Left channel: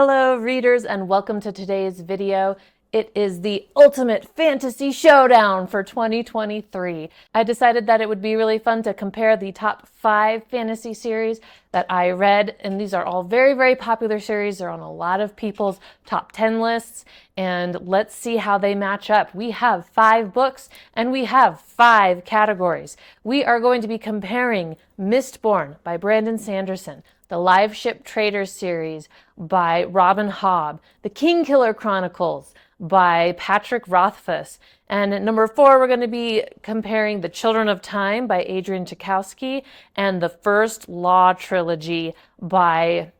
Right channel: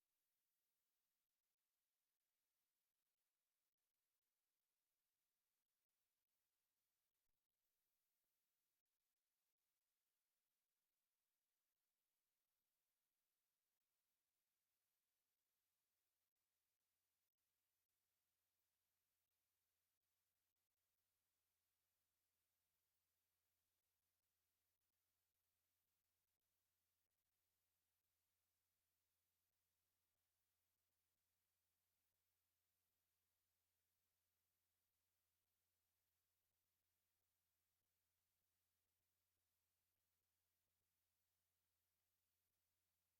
Hello readers and welcome to today's video. It is the ultimate fantasy showdown for 2023. I decided that it would be really fun to compare the top 5 fantasy series that I read, and these are all very popular series. They're on a lot of people's top 10 lists, and let's see how they match up. We have 5 books and we have 5 categories. We are going to be comparing Mistborn by Brandon Sanderson, the Live Ship Traders series by Robin Hobb, the Kingkiller Chronicles by Patrick Rothfuss, and at number 4 we're going to be comparing The Children of Time by Adrian Tchaikovsky and the First Law trilogy by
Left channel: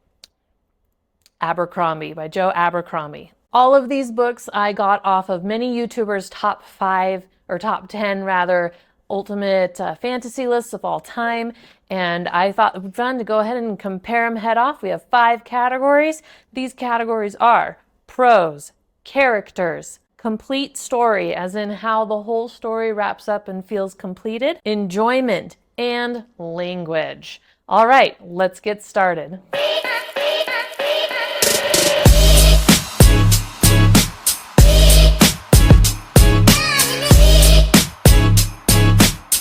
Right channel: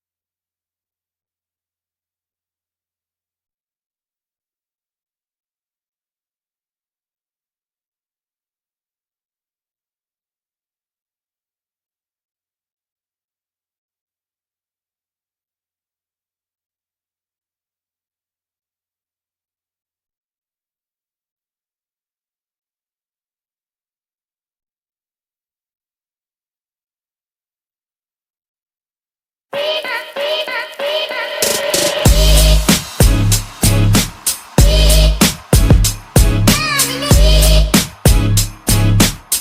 Joe Abercrombie. All of these books I got off of many YouTubers' top 5 or top 10 rather ultimate fantasy lists of all time, and I thought it would be fun to go ahead and compare them head off. We have 5 categories. These categories are prose, characters, complete story, as in how the whole story wraps up and feels completed, enjoyment, and language. All right, let's get started.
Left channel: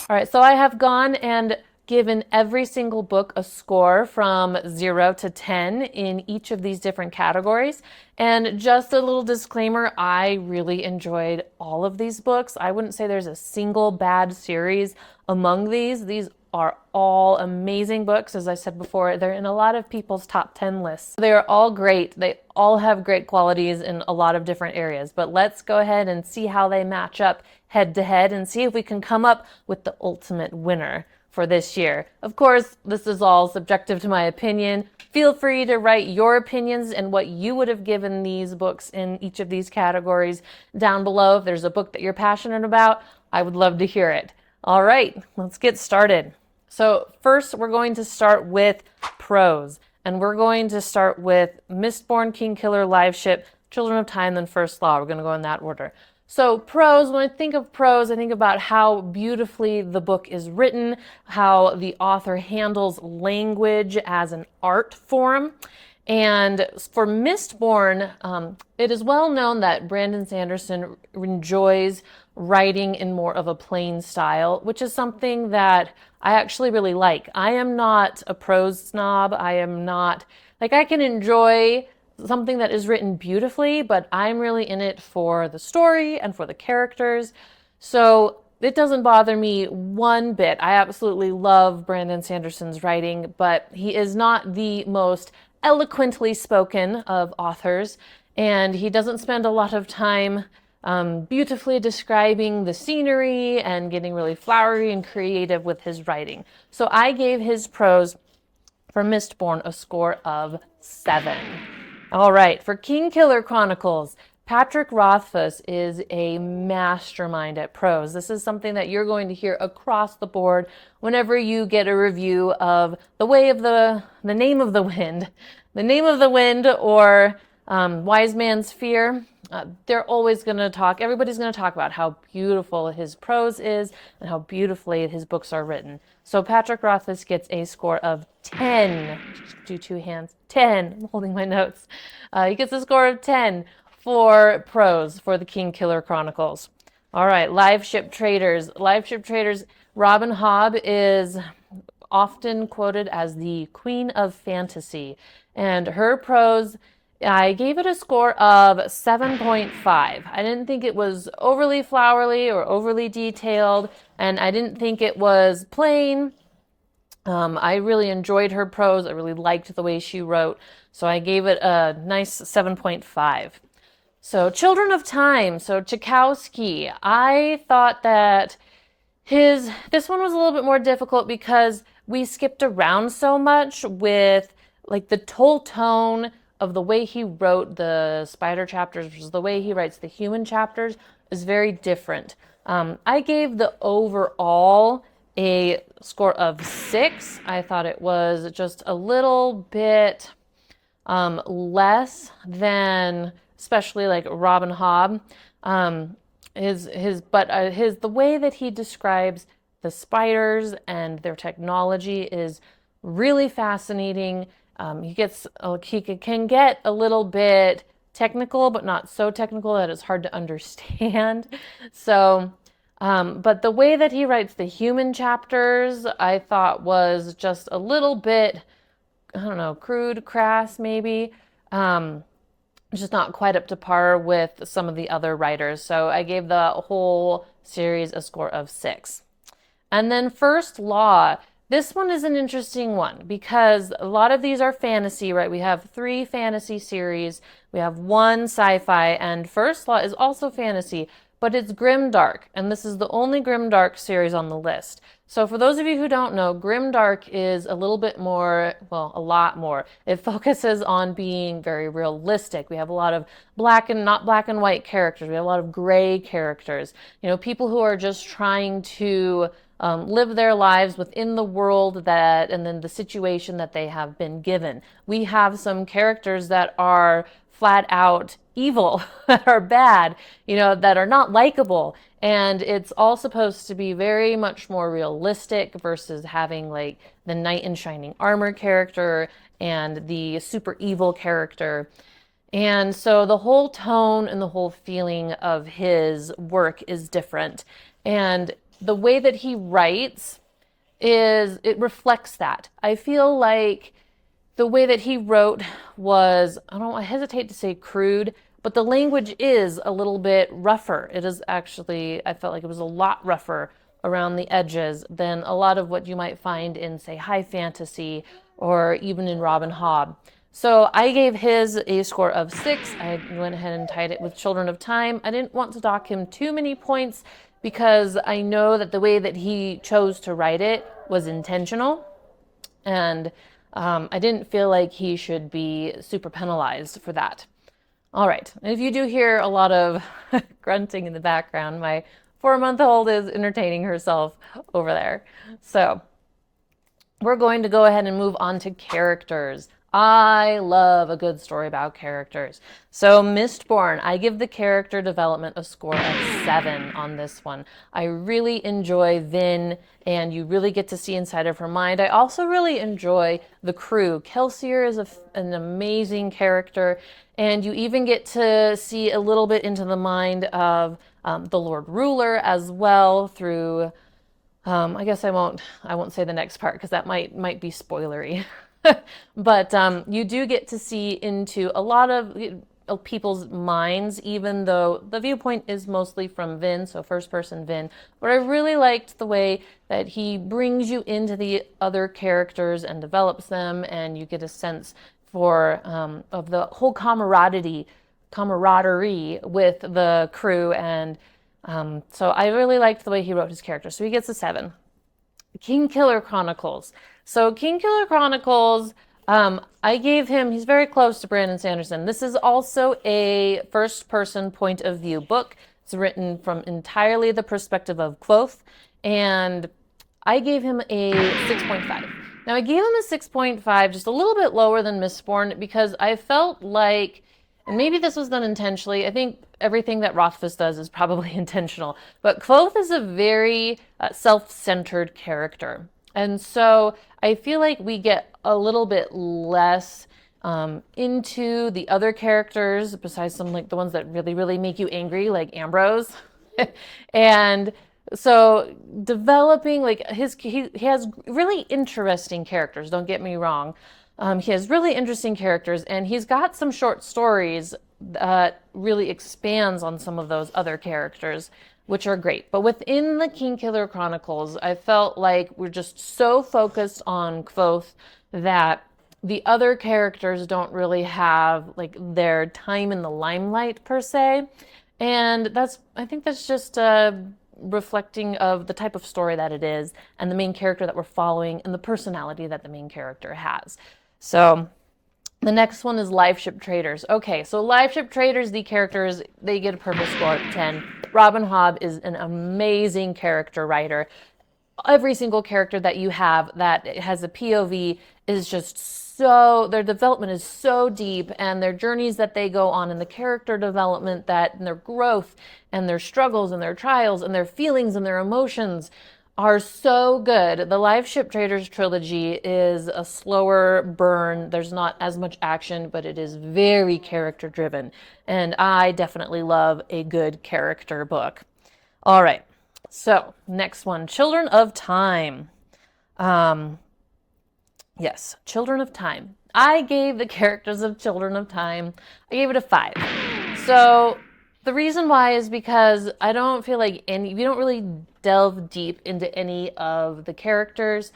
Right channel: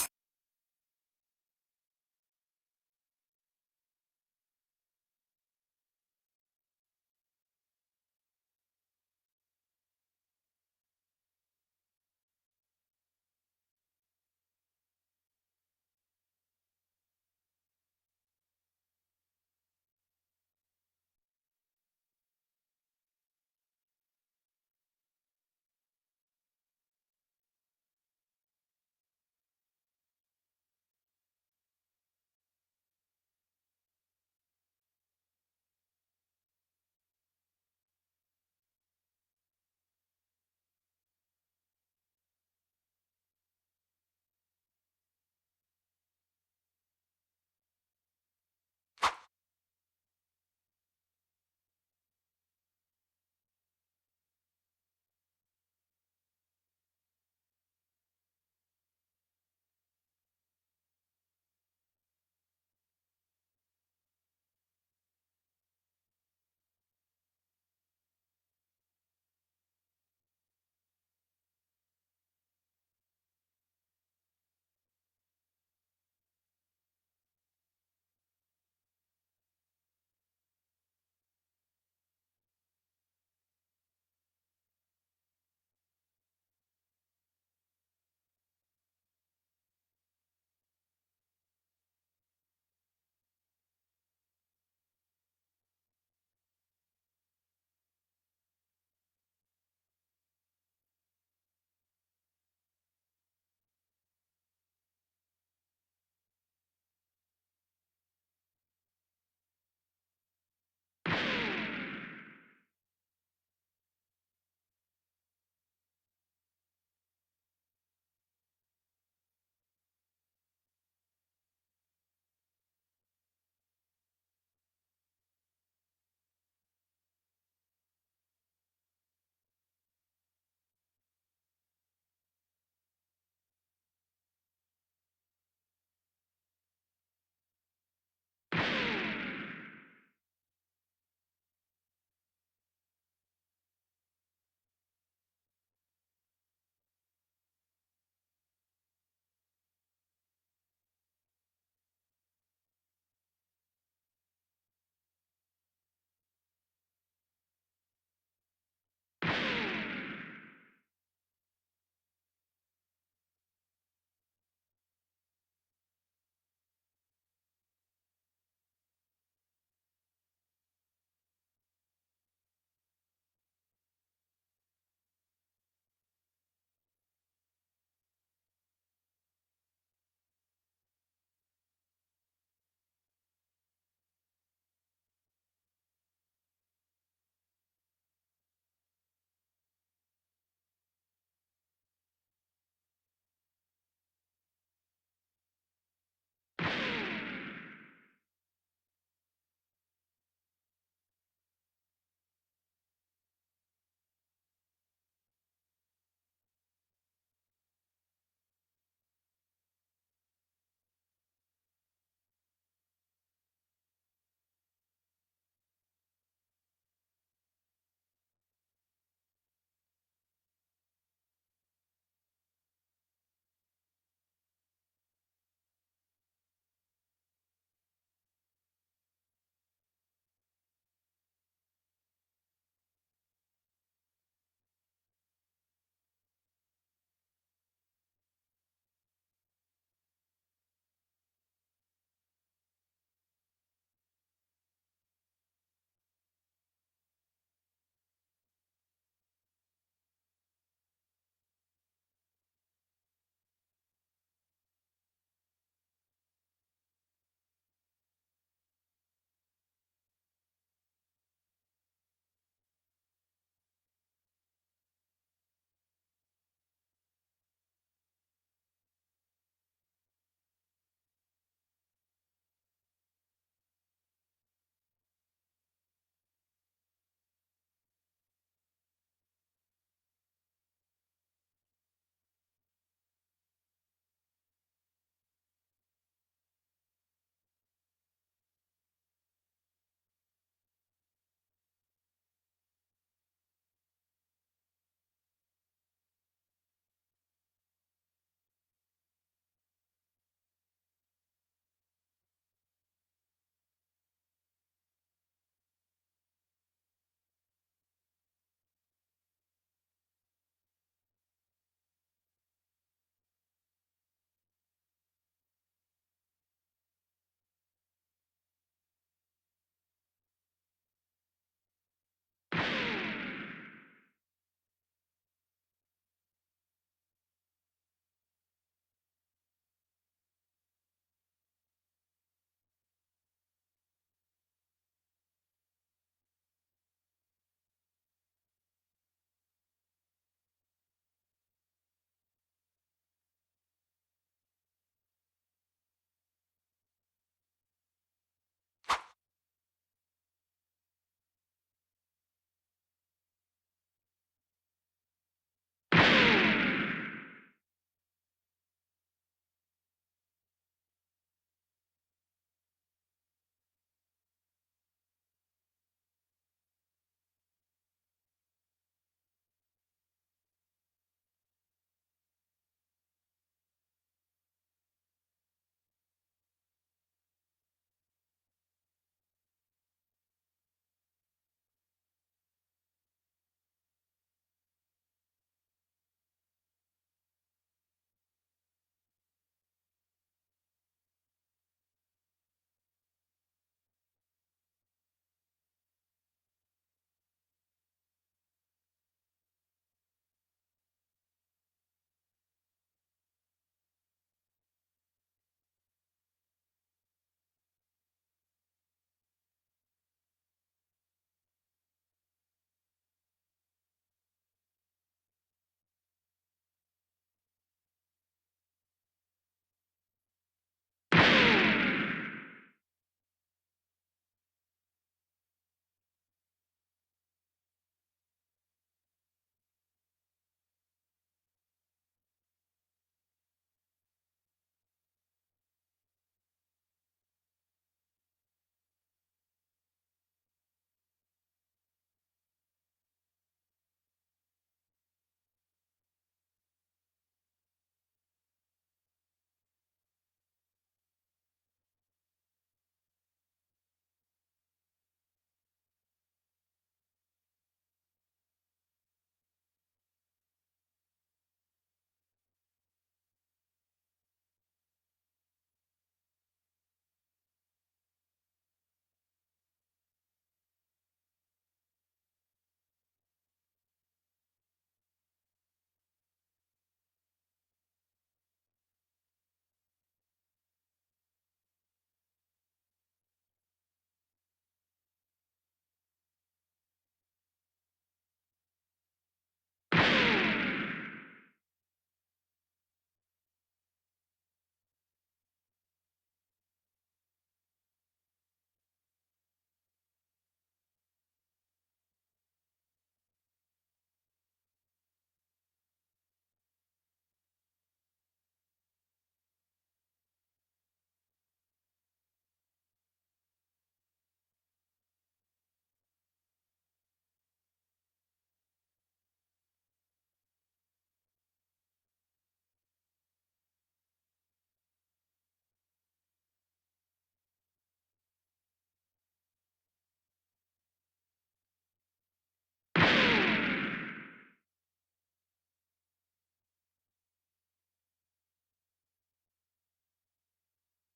All right, so I have gone and given every single book a score from 0 to 10 in each of these different categories. And just a little disclaimer, I really enjoyed all of these books. I wouldn't say there's a single bad series among these. These are all amazing books. As I said before, they're in a lot of people's top 10 lists. They are all great. They all have great qualities in a lot of different areas. But let's go ahead and see how they match up head to head and see if we can come up with the ultimate winner for this year. Of course, this is all subjective to my opinion. Feel free to write your opinions and what you would have given these books in each of these categories down below. If there's a book that you're passionate about, I would love to hear it. All right, let's get started. So first, we're going to start with prose, and we're going to start with Mistborn, Kingkiller, Live Ship, Children of Time, then First Law. We're going to go in that order. So prose, when I think of prose, I think about how beautifully the book is written, how the author handles language as an art form. And for Mistborn, it is well known that Brandon Sanderson enjoys writing in more of a plain style, which is something that I actually really like. I am not a prose snob. I am not, I can enjoy something that is written beautifully, but I'm really in it for the story and for the characters. So it doesn't bother me one bit. I absolutely love Brandon Sanderson's writing, but he is not the most eloquently spoken of authors, and he doesn't spend a lot of time beautifully describing the scenery and getting really flowery and creative with his writing. So I gave his prose for Mistborn a score of 7. All right, for Kingkiller Chronicles, Patrick Rothfuss is a mastermind at prose. This is something that you're going to hear across the board whenever you get a review of The Name of the Wind, or Wise Man's Fear. They're always going to talk, everybody's going to talk about how beautiful his prose is and how beautifully his books are written. So Patrick Rothfuss gets a score of 10. Do 2 hands. 10. I'm holding my notes. He gets a score of 10 for prose for the Kingkiller Chronicles. All right, Live Ship Traders. Live Ship Traders, Robin Hobb is often quoted as the queen of fantasy, and her prose, I gave it a score of 7.5. I didn't think it was overly flowery or overly detailed, and I didn't think it was plain. I really enjoyed her prose. I really liked the way she wrote, so I gave it a nice 7.5. So Children of Time, so Tchaikovsky, I thought that this one was a little bit more difficult because we skipped around so much with the whole tone of the way he wrote the spider chapters versus the way he writes the human chapters is very different. I gave the overall a score of 6. I thought it was just a little bit less than, especially like Robin Hobb. The way that he describes the spiders and their technology is really fascinating. He can get a little bit technical, but not so technical that it's hard to understand. So, but the way that he writes the human chapters, I thought was just a little bit, I don't know, crude, crass, maybe. Just not quite up to par with some of the other writers. So I gave the whole series a score of 6. And then First Law. This one is an interesting one because a lot of these are fantasy, right? We have 3 fantasy series, we have 1 sci-fi, and First Law is also fantasy, but it's grimdark, and this is the only grimdark series on the list. So for those of you who don't know, grimdark is a little bit more, well, a lot more. It focuses on being very realistic. We have a lot of not black and white characters. We have a lot of gray characters. People who are just trying to live their lives within the world and then the situation that they have been given. We have some characters that are flat out evil, that are bad, that are not likable. And it's all supposed to be very much more realistic versus having like the knight in shining armor character and the super evil character. And so the whole tone and the whole feeling of his work is different. And the way that he writes it reflects that. I feel like the way that he wrote was, I hesitate to say crude, but the language is a little bit rougher. It is actually, I felt like it was a lot rougher around the edges than a lot of what you might find in, say, high fantasy or even in Robin Hobb. So I gave his a score of 6. I went ahead and tied it with Children of Time. I didn't want to dock him too many points because I know that the way that he chose to write it was intentional. And I didn't feel like he should be super penalized for that. All right, and if you do hear a lot of grunting in the background, my 4-month-old is entertaining herself over there. So we're going to go ahead and move on to characters. I love a good story about characters. So Mistborn, I give the character development a score of 7 on this one. I really enjoy Vin, and you really get to see inside of her mind. I also really enjoy the crew. Kelsier is an amazing character, and you even get to see a little bit into the mind of the Lord Ruler as well through, I guess I won't say the next part because that might be spoilery. But you do get to see into a lot of people's minds, even though the viewpoint is mostly from Vin, so first person Vin. But I really liked the way that he brings you into the other characters and develops them, and you get a sense of the whole camaraderie with the crew. And so I really liked the way he wrote his character. So he gets a 7. Kingkiller Chronicles. So Kingkiller Chronicles, I gave him, he's very close to Brandon Sanderson. This is also a first-person point of view book. It's written from entirely the perspective of Kvothe, and I gave him a 6.5. Now, I gave him a 6.5, just a little bit lower than Mistborn, because I felt like, and maybe this was done intentionally, I think everything that Rothfuss does is probably intentional, but Kvothe is a very self-centered character. And so I feel like we get a little bit less into the other characters, besides some like the ones that really, really make you angry, like Ambrose. And so developing like he has really interesting characters, don't get me wrong. He has really interesting characters, and he's got some short stories that really expands on some of those other characters, which are great. But within the Kingkiller Chronicles, I felt like we're just so focused on Kvothe that the other characters don't really have like their time in the limelight per se. And I think that's just reflecting of the type of story that it is and the main character that we're following and the personality that the main character has. So the next one is Live Ship Traders. Okay, so Live Ship Traders, the characters, they get a perfect score of 10. Robin Hobb is an amazing character writer. Every single character that you have that has a POV is just so, their development is so deep, and their journeys that they go on, and the character development and their growth and their struggles and their trials and their feelings and their emotions are so good. The Live Ship Traders trilogy is a slower burn. There's not as much action, but it is very character driven. And I definitely love a good character book. All right. So, next one, Children of Time. Um, yes, Children of Time. I gave the characters of Children of Time, I gave it a 5. So, the reason why is because I don't feel like we don't really delve deep into any of the characters.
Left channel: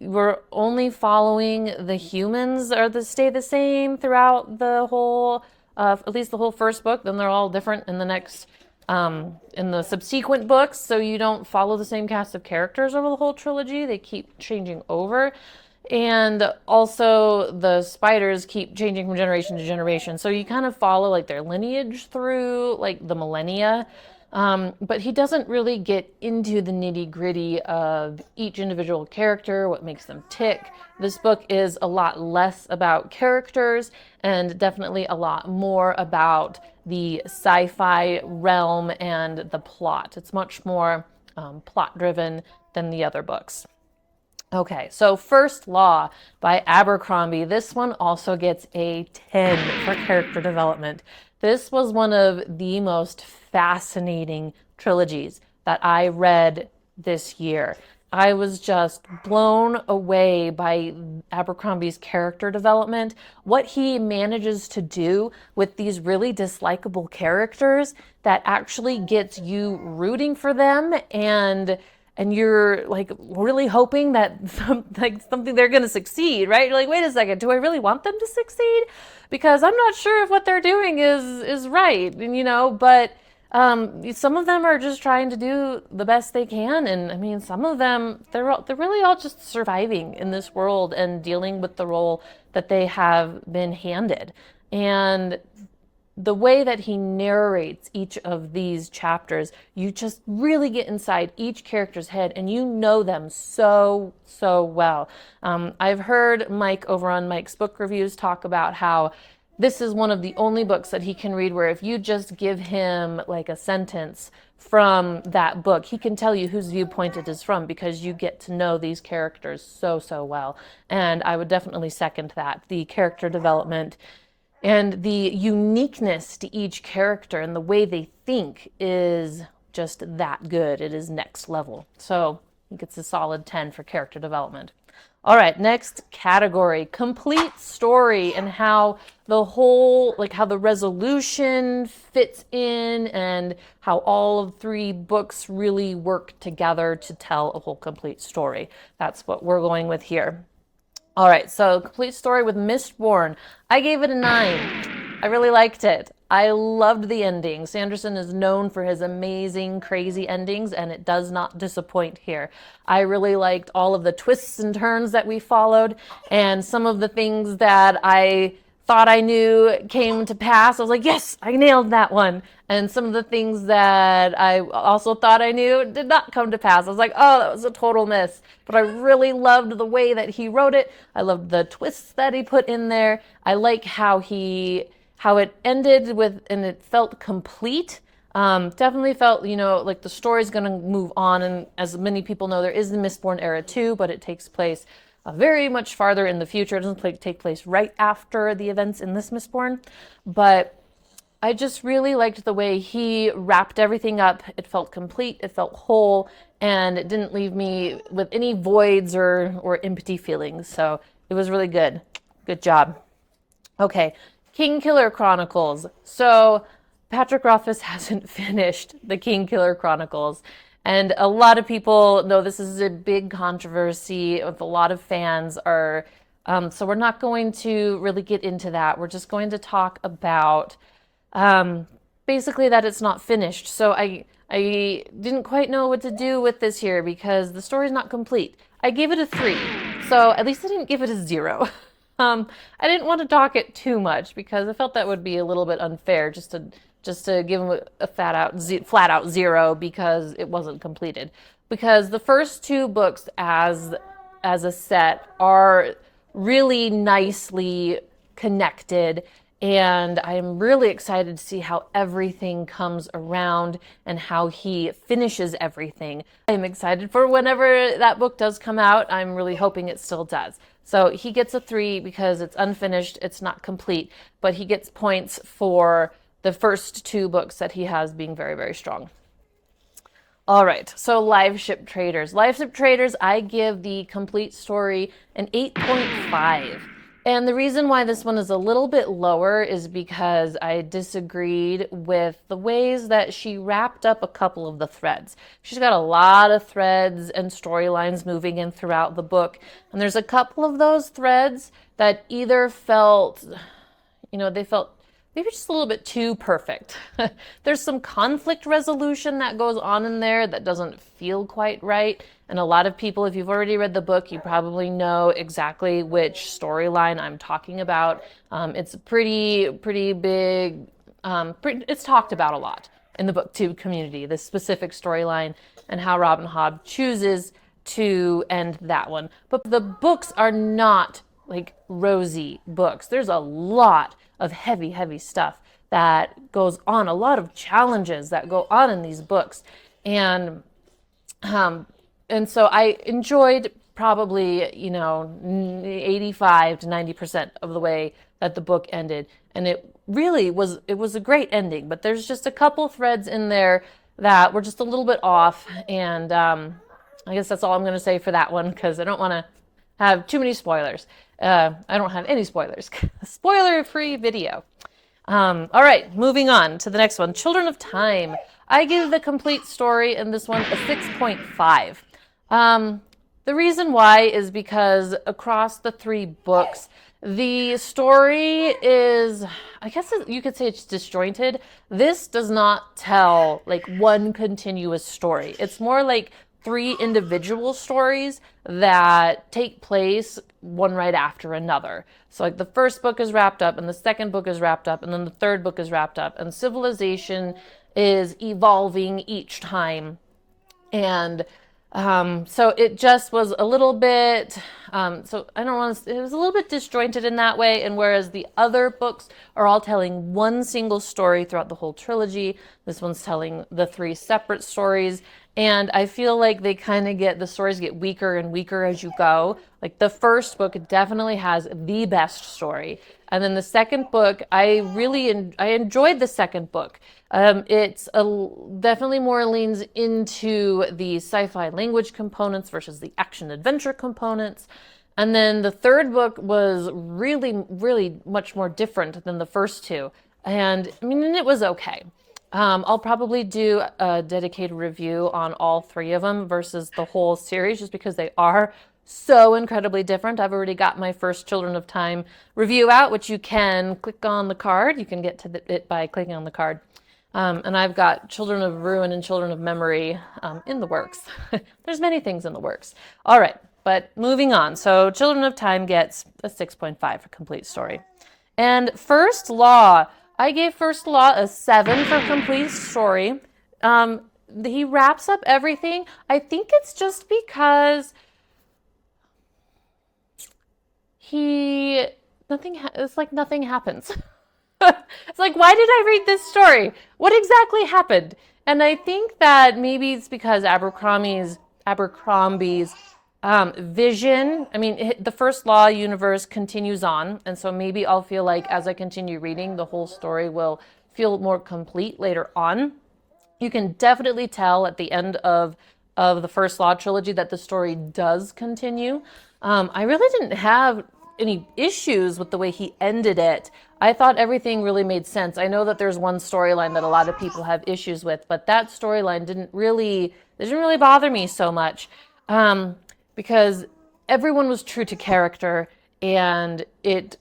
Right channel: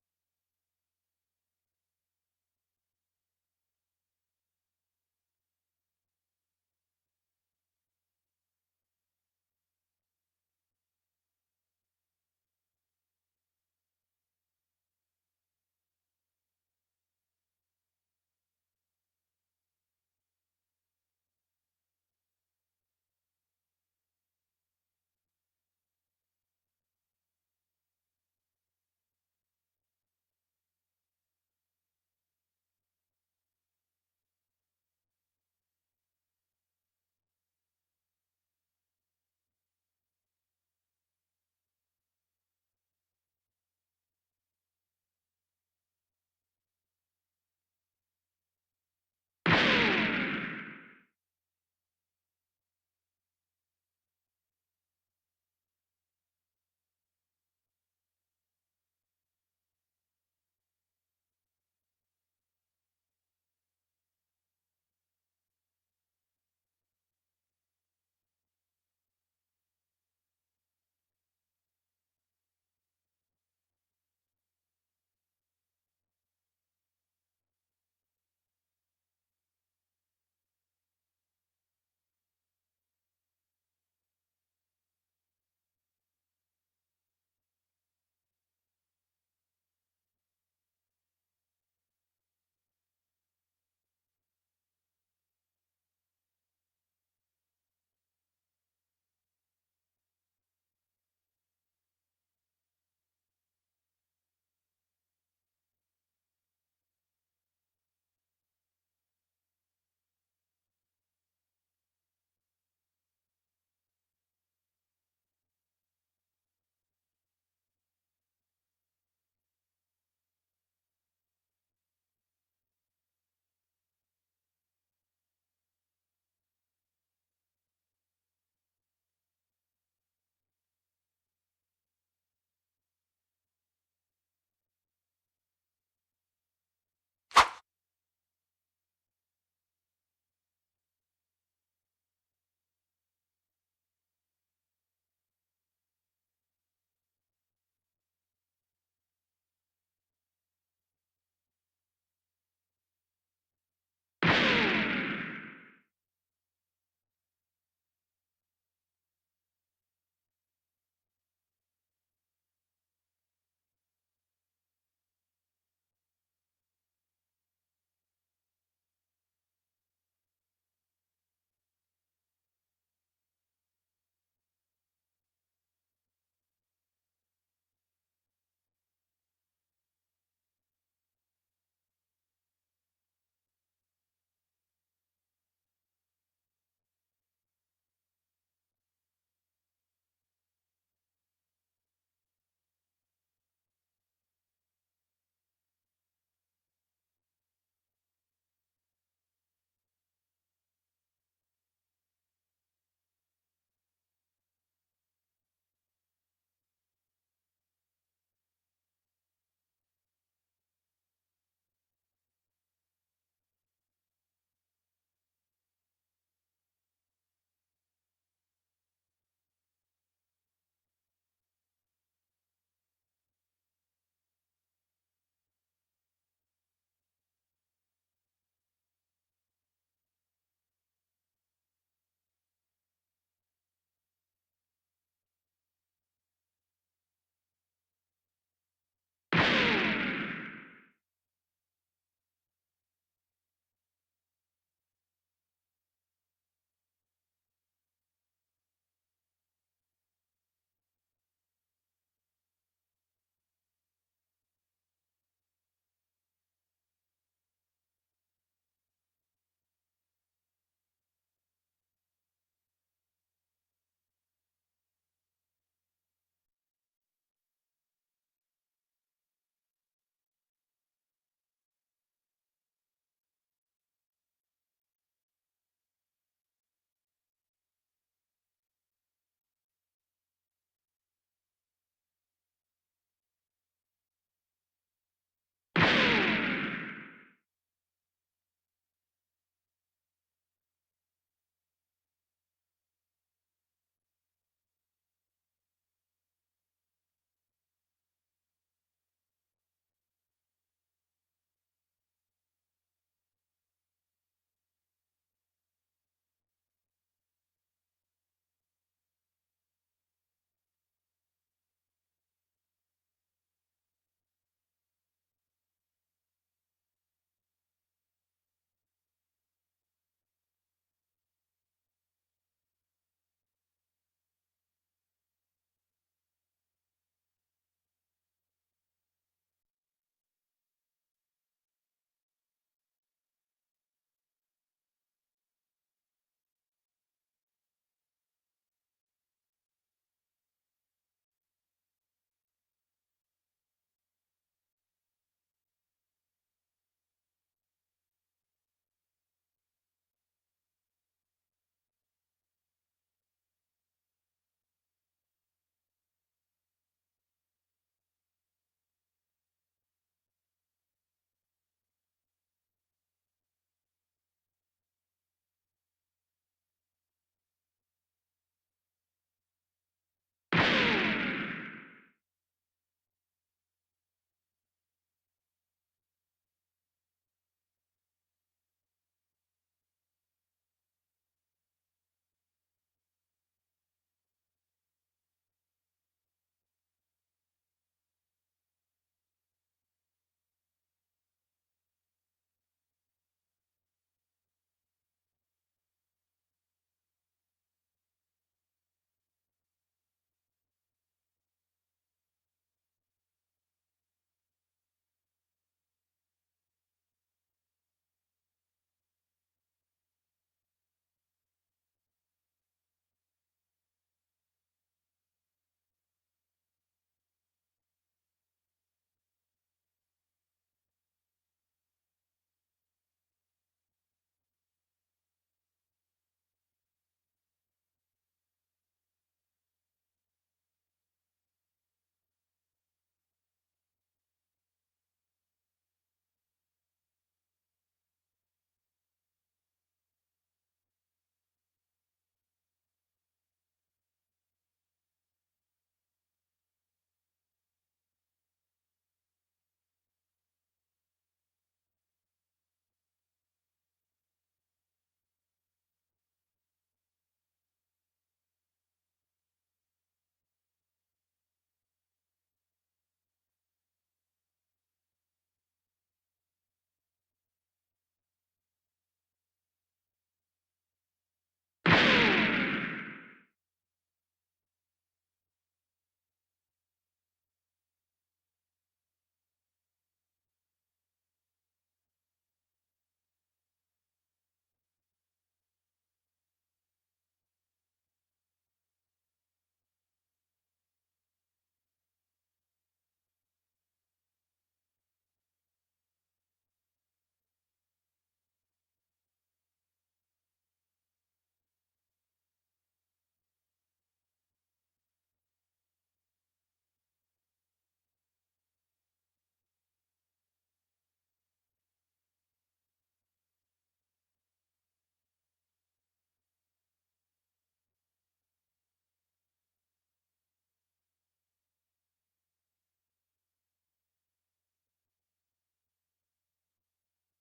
We're only following the humans stay the same throughout the whole, at least the whole first book. Then they're all different in the next, in the subsequent books. So you don't follow the same cast of characters over the whole trilogy. They keep changing over. And also the spiders keep changing from generation to generation. So you kind of follow like their lineage through like the millennia. But he doesn't really get into the nitty gritty of each individual character, what makes them tick. This book is a lot less about characters and definitely a lot more about the sci-fi realm and the plot. It's much more plot driven than the other books. Okay, so First Law by Abercrombie. This one also gets a 10 for character development. This was one of the most fascinating trilogies that I read this year. I was just blown away by Abercrombie's character development, what he manages to do with these really dislikable characters that actually gets you rooting for them and you're like really hoping that something they're going to succeed, right? You're like, wait a second, do I really want them to succeed? Because I'm not sure if what they're doing is right, and but some of them are just trying to do the best they can, and I mean, some of them they're really all just surviving in this world and dealing with the role that they have been handed, and the way that he narrates each of these chapters, you just really get inside each character's head and you know them so well. I've heard Mike over on Mike's Book Reviews talk about how this is one of the only books that he can read where if you just give him like a sentence from that book, he can tell you whose viewpoint it is from because you get to know these characters so well. And I would definitely second that. The character development and the uniqueness to each character and the way they think is just that good. It is next level. So I think it's a solid 10 for character development. All right, next category, complete story and how the whole, like how the resolution fits in and how all of 3 books really work together to tell a whole complete story. That's what we're going with here. All right, so complete story with Mistborn. I gave it a 9. I really liked it. I loved the ending. Sanderson is known for his amazing, crazy endings, and it does not disappoint here. I really liked all of the twists and turns that we followed, and some of the things that I thought I knew came to pass. I was like, yes, I nailed that one. And some of the things that I also thought I knew did not come to pass. I was like, oh, that was a total miss. But I really loved the way that he wrote it. I loved the twists that he put in there. I like how it ended with, and it felt complete. Definitely felt, like the story's going to move on. And as many people know, there is the Mistborn era too, but it takes place very much farther in the future. It doesn't take place right after the events in this Mistborn. But I just really liked the way he wrapped everything up. It felt complete, it felt whole, and it didn't leave me with any voids or empty feelings. So it was really good. Good job. Okay, Kingkiller Chronicles. So Patrick Rothfuss hasn't finished the Kingkiller Chronicles. And a lot of people know this is a big controversy with a lot of fans are, so we're not going to really get into that. We're just going to talk about basically that it's not finished. So I didn't quite know what to do with this here because the story's not complete. I gave it a 3. So at least I didn't give it a 0. I didn't want to talk it too much because I felt that would be a little bit unfair just to give him a flat out 0 because it wasn't completed. Because the first 2 books as a set are really nicely connected And I'm really excited to see how everything comes around and how he finishes everything. I'm excited for whenever that book does come out. I'm really hoping it still does. So he gets a 3 because it's unfinished, it's not complete, but he gets points for the first 2 books that he has being very, very strong. All right, so Live Ship Traders. Live Ship Traders, I give the complete story an 8.5. And the reason why this one is a little bit lower is because I disagreed with the ways that she wrapped up a couple of the threads. She's got a lot of threads and storylines moving in throughout the book. And there's a couple of those threads that either felt, they felt maybe just a little bit too perfect. There's some conflict resolution that goes on in there that doesn't feel quite right. And a lot of people, if you've already read the book, you probably know exactly which storyline I'm talking about. It's pretty big. It's talked about a lot in the booktube community, this specific storyline and how Robin Hobb chooses to end that one. But the books are not like rosy books. There's a lot of heavy stuff that goes on, a lot of challenges that go on in these books. And so I enjoyed probably, 85 to 90% of the way that the book ended. And it was a great ending, but there's just a couple threads in there that were just a little bit off. And I guess that's all I'm going to say for that one, because I don't want to have too many spoilers. I don't have any spoilers. Spoiler-free video. All right, moving on to the next one. Children of Time. I give the complete story in this one a 6.5. The reason why is because across the 3 books, the story is, I guess you could say it's disjointed. This does not tell like one continuous story. It's more like 3 individual stories that take place one right after another. So like the first book is wrapped up and the second book is wrapped up and then the third book is wrapped up, and civilization is evolving each time. And so it just was a little bit, so I don't want to, it was a little bit disjointed in that way. And whereas the other books are all telling one single story throughout the whole trilogy, this one's telling the 3 separate stories. And I feel like they kind of the stories get weaker and weaker as you go. Like the first book definitely has the best story. And then the second book, I enjoyed the second book. It's definitely more leans into the sci-fi language components versus the action adventure components. And then the third book was really much more different than the first 2. And I mean, it was okay. I'll probably do a dedicated review on all 3 of them versus the whole series, just because they are so incredibly different. I've already got my first Children of Time review out, which you can click on the card. You can get to it by clicking on the card. And I've got Children of Ruin and Children of Memory in the works. There's many things in the works. All right, but moving on. So Children of Time gets a 6.5 for complete story. And First Law. I gave First Law a 7 for complete story. He wraps up everything. I think it's just because it's like nothing happens. It's like, why did I read this story? What exactly happened? And I think that maybe it's because Abercrombie's vision, I mean, the First Law universe continues on, and so maybe I'll feel like as I continue reading, the whole story will feel more complete later on. You can definitely tell at the end of the First Law trilogy that the story does continue. I really didn't have any issues with the way he ended it. I thought everything really made sense. I know that there's one storyline that a lot of people have issues with, but that storyline didn't really bother me so much. Because everyone was true to character, and it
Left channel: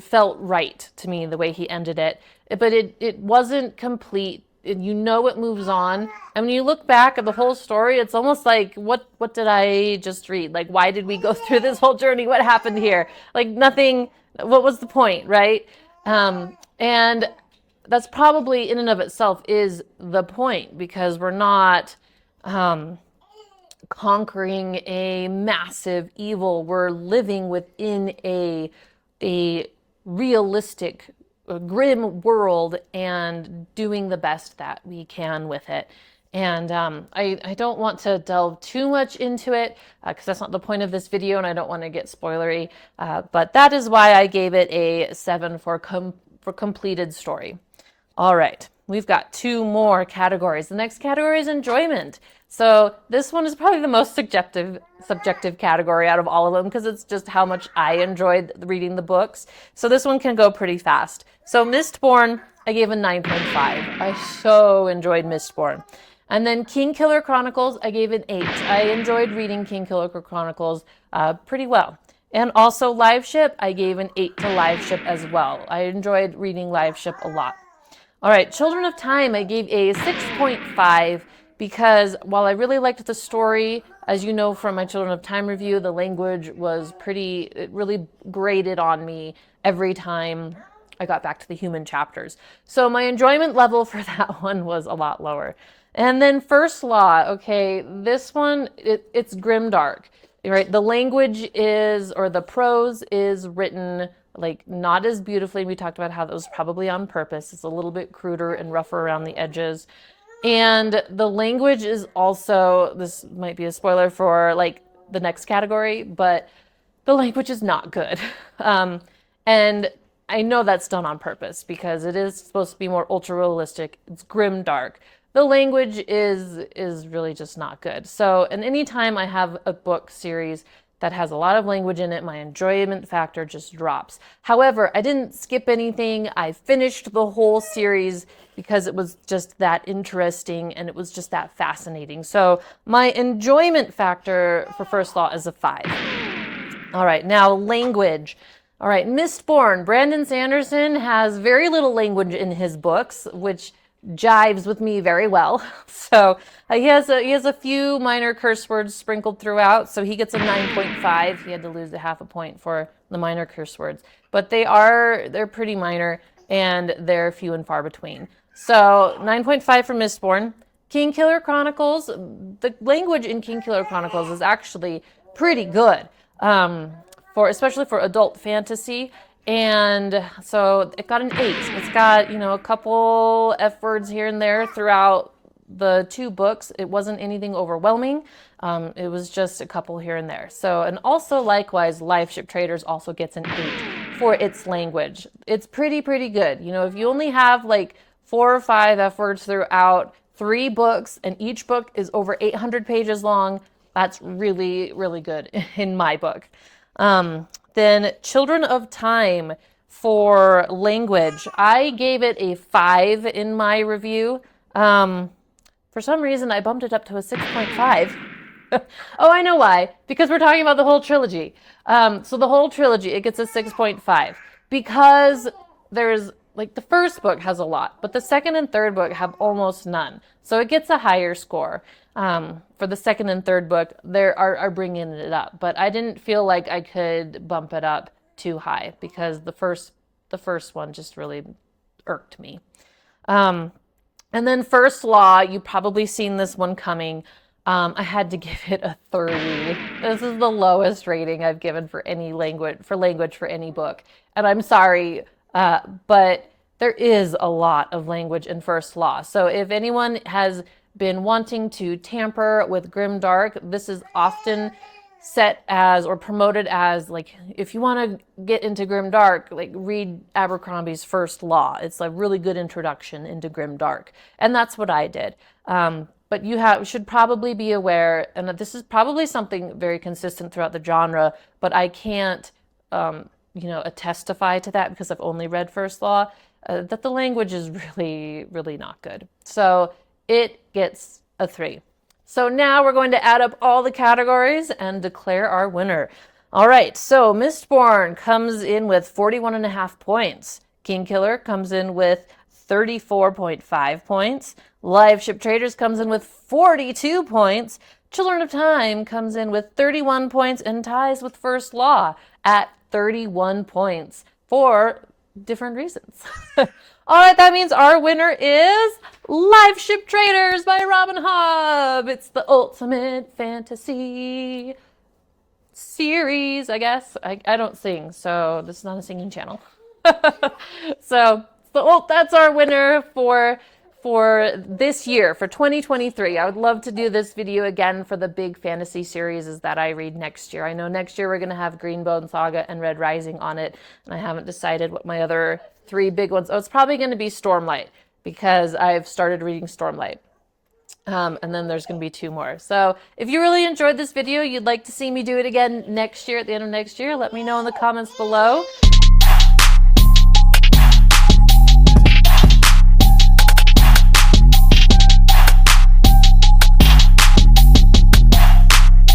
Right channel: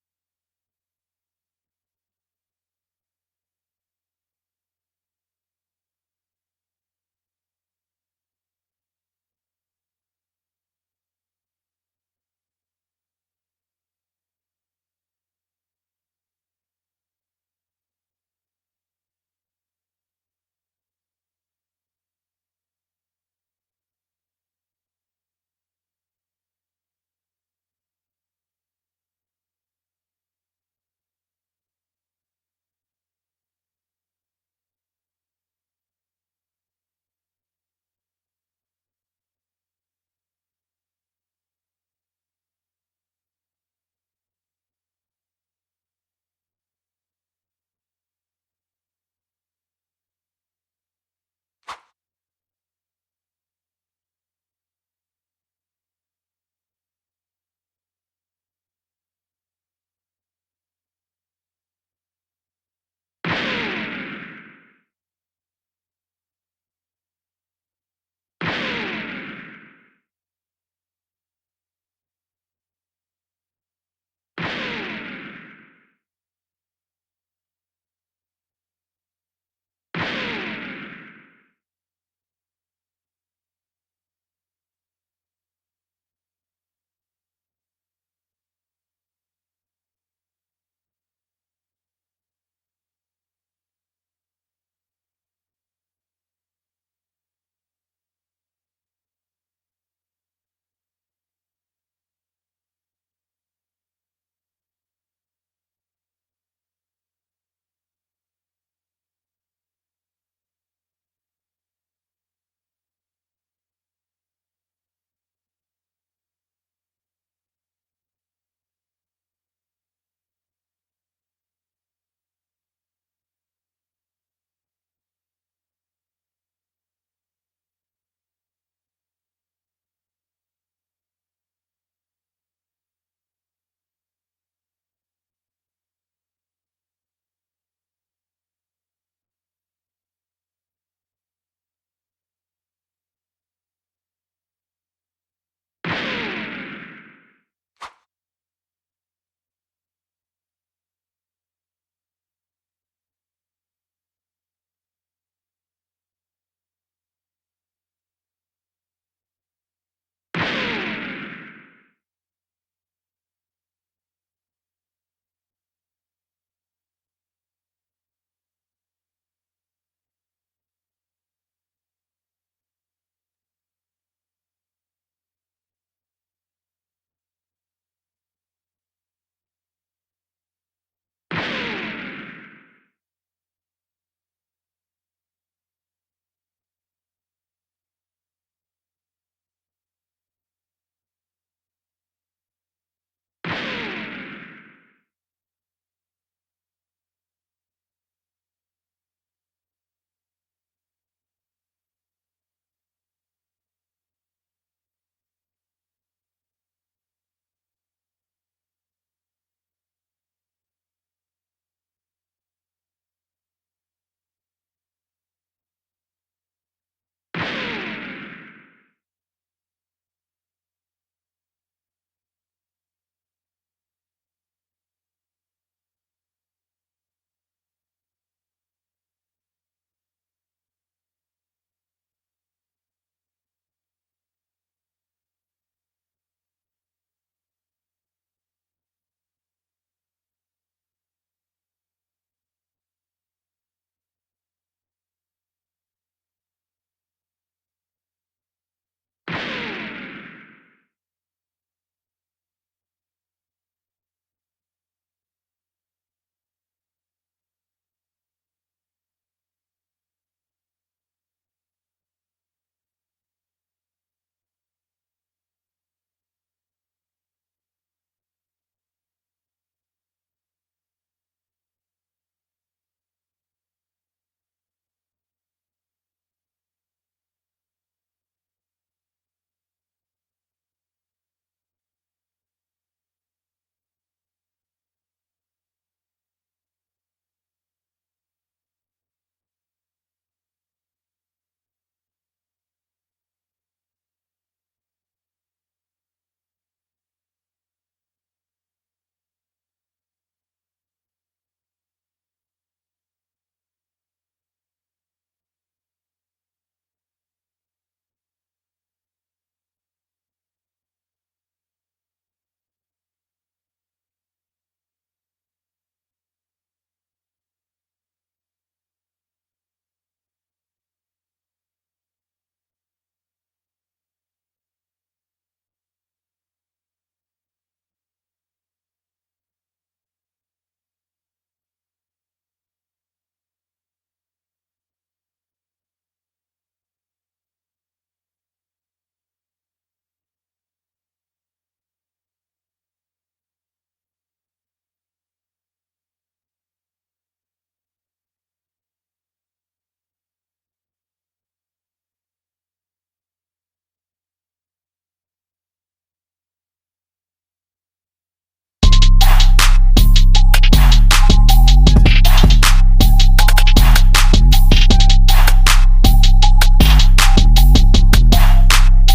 felt right to me the way he ended it. But it wasn't complete. It moves on. And when you look back at the whole story, it's almost like, what did I just read? Like, why did we go through this whole journey? What happened here? Like, nothing. What was the point, right? And that's probably in and of itself is the point, because we're not conquering a massive evil. We're living within a realistic a grim world and doing the best that we can with it. And I don't want to delve too much into it because that's not the point of this video and I don't want to get spoilery. But that is why I gave it a 7 for completed story. All right, we've got 2 more categories. The next category is enjoyment. So this one is probably the most subjective category out of all of them because it's just how much I enjoyed reading the books. So this one can go pretty fast. So Mistborn, I gave a 9.5. I so enjoyed Mistborn. And then Kingkiller Chronicles, I gave an 8. I enjoyed reading Kingkiller Chronicles pretty well. And also Live Ship, I gave an 8 to Live Ship as well. I enjoyed reading Live Ship a lot. All right, Children of Time, I gave a 6.5 because while I really liked the story, as you know from my Children of Time review, the language was it really grated on me every time I got back to the human chapters. So my enjoyment level for that one was a lot lower. And then First Law, okay, this one, it's grimdark, right? The language is, or the prose is written like not as beautifully. We talked about how that was probably on purpose. It's a little bit cruder and rougher around the edges. And the language is also, this might be a spoiler for like the next category, but the language is not good. And I know that's done on purpose because it is supposed to be more ultra realistic. It's grim dark. The language is really just not good. So, and anytime I have a book series that has a lot of language in it, my enjoyment factor just drops. However, I didn't skip anything. I finished the whole series because it was just that interesting and it was just that fascinating. So my enjoyment factor for First Law is a 5. All right, now language. All right, Mistborn. Brandon Sanderson has very little language in his books, which jives with me very well. So he has a few minor curse words sprinkled throughout, so he gets a 9.5. He had to lose a half a point for the minor curse words, but they're pretty minor and they're few and far between. So 9.5 for Mistborn. Kingkiller Chronicles, the language in Kingkiller Chronicles is actually pretty good, especially for adult fantasy. And so it got an 8. It's got, a couple F words here and there throughout the 2 books. It wasn't anything overwhelming. It was just a couple here and there. So, and also likewise, Live Ship Traders also gets an 8 for its language. It's pretty good. If you only have like 4 or 5 F words throughout 3 books and each book is over 800 pages long, that's really, really good in my book. Then Children of Time for language, I gave it a 5 in my review. For some reason, I bumped it up to a 6.5. Oh, I know why. Because we're talking about the whole trilogy. So the whole trilogy, it gets a 6.5. Because there's, like, the first book has a lot, but the second and third book have almost none. So it gets a higher score. For the second and third book, they are bringing it up, but I didn't feel like I could bump it up too high because the first one just really irked me. And then First Law, you've probably seen this one coming. I had to give it a 30. This is the lowest rating I've given for any language for any book, and I'm sorry, but there is a lot of language in First Law. So if anyone has been wanting to tamper with grimdark, this is often set as or promoted as like, if you want to get into grimdark, like read Abercrombie's First Law. It's a really good introduction into grimdark, and that's what I did. But you should probably be aware, and this is probably something very consistent throughout the genre, but I can't testify to that because I've only read First Law, that the language is really, really not good. So it gets a 3. So now we're going to add up all the categories and declare our winner. All right, so Mistborn comes in with 41.5 points. Kingkiller comes in with 34.5 points. Live Ship Traders comes in with 42 points. Children of Time comes in with 31 points and ties with First Law at 31 points for different reasons. All right, that means our winner is Live Ship Traders by Robin Hobb. It's the ultimate fantasy series, I guess. I don't sing, so this is not a singing channel. So, well, that's our winner for this year, for 2023. I would love to do this video again for the big fantasy series that I read next year. I know next year we're going to have Greenbone Saga and Red Rising on it, and I haven't decided what my other three big ones. Oh, it's probably going to be Stormlight, because I've started reading Stormlight. And then there's going to be two more. So if you really enjoyed this video, you'd like to see me do it again next year, at the end of next year, let me know in the comments below.